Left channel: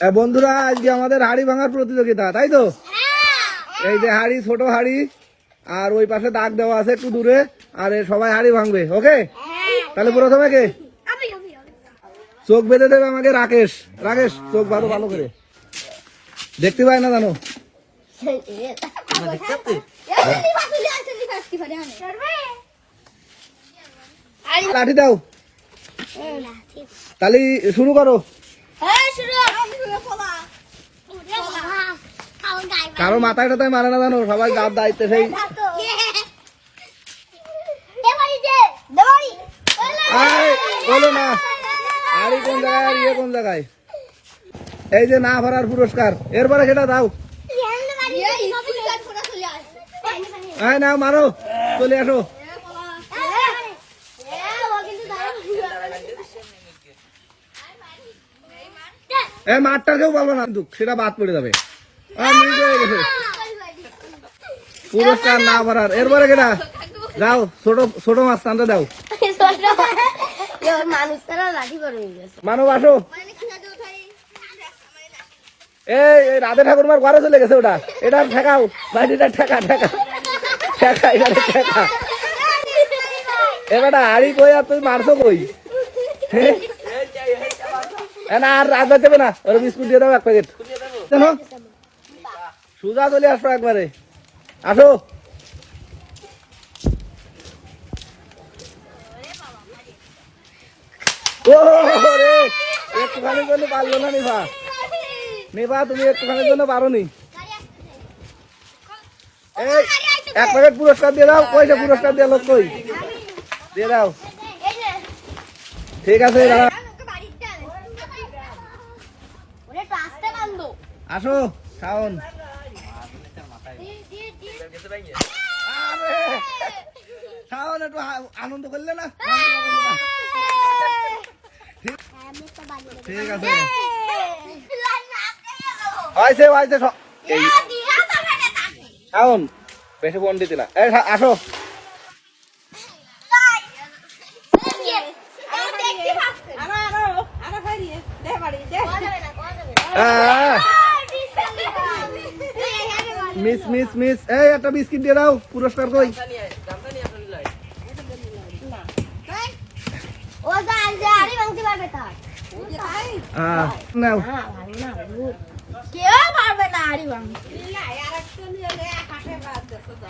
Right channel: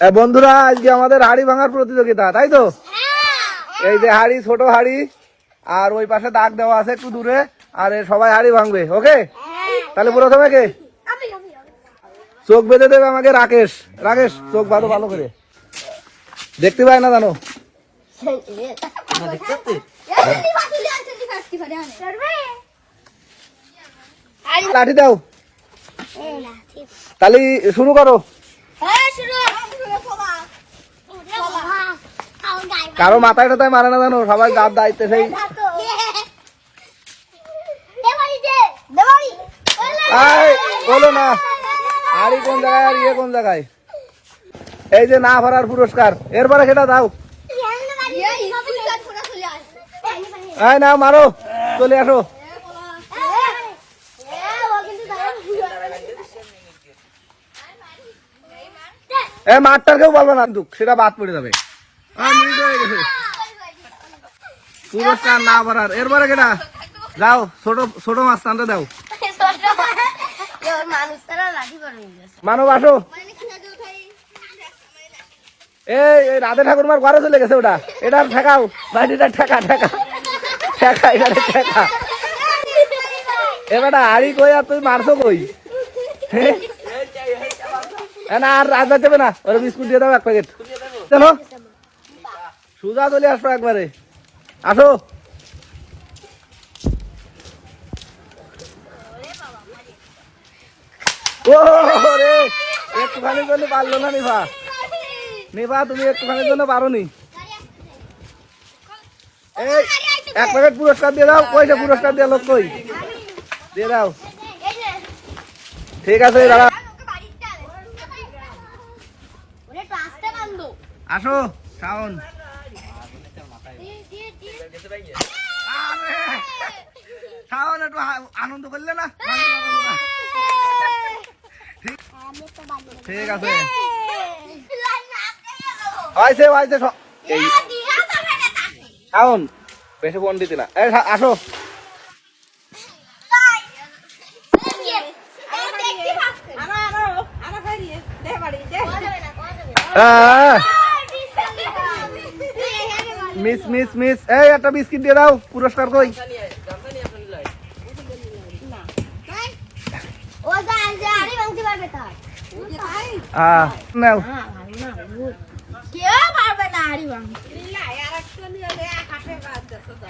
বন্ধুরা আজকে আমাদের হাড়ি ভাঙার প্রতিযোগিতা, তাই তো? এই যে হাড়ি, ছোট হাড়ি, আর ওই পাশে দাগ দেওয়া আছে একটু দূরে, আর সবাই হাড়ি ভাঙবে। ওকে, তাহলে প্রথমে কে? চোখ বেঁধে দেবে আমাকে রাকেশ। রাকেশ, চোখ বাঁধো ভালো করে, দেখতে পাই না জানো। লাঠি দাও, তাহলে শুরু করো। কারো মাথায় টাথায় মারে না জানো, সবাই যার দায়িত্বে সেই। বলো না হাড়ি কোন জায়গায় আর ইয়ে কোন জায়গায়। এই যে না ভরার পুরস্কার, এরপরে সেটা দাও। না মারো, চলে আসো। মাঠটার কেউ বলবো না, সেটা বাদ পড়ে যাবে। পুরস্কার না ভরার, এরপরে কেটা দাও। ছোট ছোট মাছ টানতে দাও। মানব আসো। এই রাধে ঠাকুরমার ঘরে চলে গেছে ওটা, এটা ঠেকাও, বাড়িটা ঠেকা ঠেকা ঠেকা, এটা ঠেকা। এবারটা হাড়ি কই আর তুই মারছো কই? না আর রাত যাবে না, ওরা বিস্কুট দিয়ে দাও এক প্যাকেট। জানো সুজা চলে আসো একবারে, আসো। ও রে, একটুখানির জন্য পারলো না নিভা। নিভা তুমি একটুখানির জন্য পারো নি। এক প্যাকেট পুরস্কার দিয়ে দাও। পয়সা পুরস্কার দিয়ে লোক কই, দিয়ে দাও। ঠিক আছে দাদা, আসো শাওন। শাওন একটু আনন্দ করলে না। ঠিক আছে, হয়েছে হয়েছে। শাওন বেশি বন্ডি দিলা, আসো। মিস মিস মিস, এই একটা বিস্কিট দিয়ে দাও। পুরস্কার কই?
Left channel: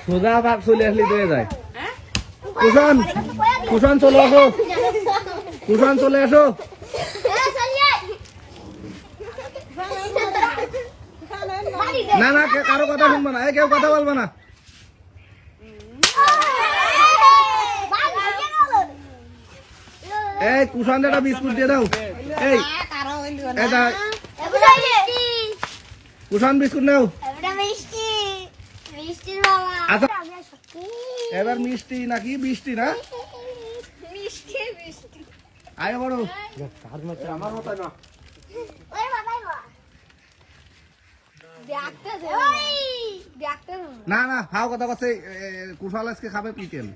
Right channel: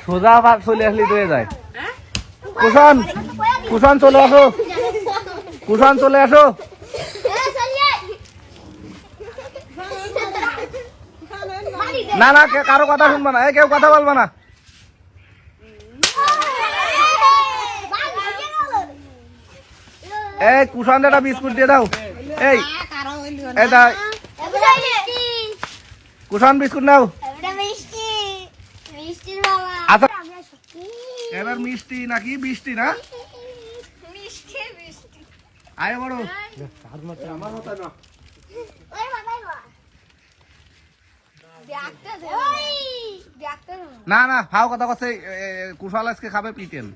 সোজা ভাগ চলে আসলি হয়ে যায়। কুষণ কুষণ চলে আসো, কুষণ চলে আসো। না না কারো কথা শুনবো না, কেউ কথা বলবো না। এই কুষণ একটা বিস্কুট দিয়ে দাও। এই কুষণ বিস্কুট নাও। আচ্ছা এবার মিষ্টি নাকি বৃষ্টি? না আয় বড়, আমার মতো না। না না ফাও কথা কথা, কুশাল আজকে খাবে পিটেল।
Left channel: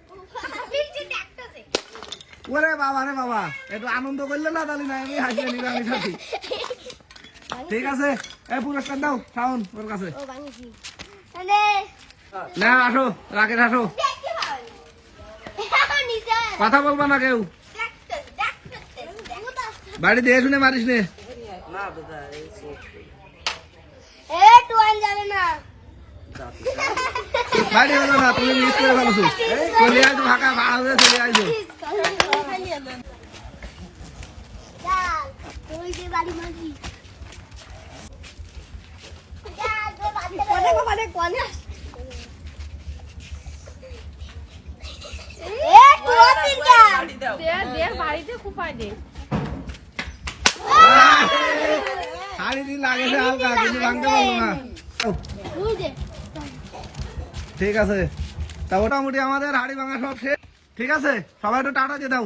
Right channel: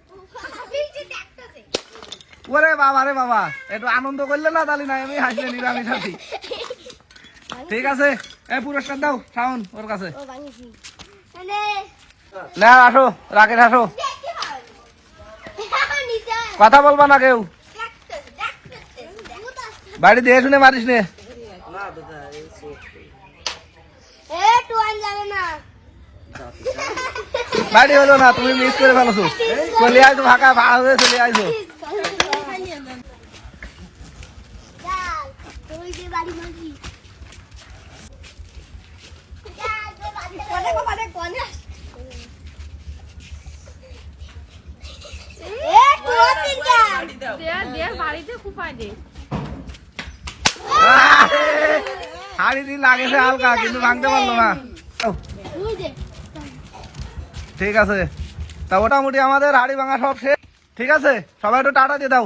ওরে বাবা রে বাবা, একটু আনন্দ করলে না তাহলে না, আমি হাসি নিরামিষ আছি। ঠিক আছে, এই পুরস্কার দাও শাওন ওর কাছে। না আসো রাকেশ, আসো। কথা বলবা না কেউ, বাড়ি দিয়ে শুনে মারিস নে। বাড়ি হলো না, তুমি মিস করে ফেলছো। চলে আসো ফাঁকা ভাড়া হয়ে চলে আসো। হাড়ি দিন লাগেছে হালকা, কিন্তু ভাঙতে পারলো না। ঠিক আছে, তা মোটামুটি আমাদের হাড়ি ভাঙা সব শেষ। ঠিক আছে, সবাই একটু টাটা দিয়ে দাও।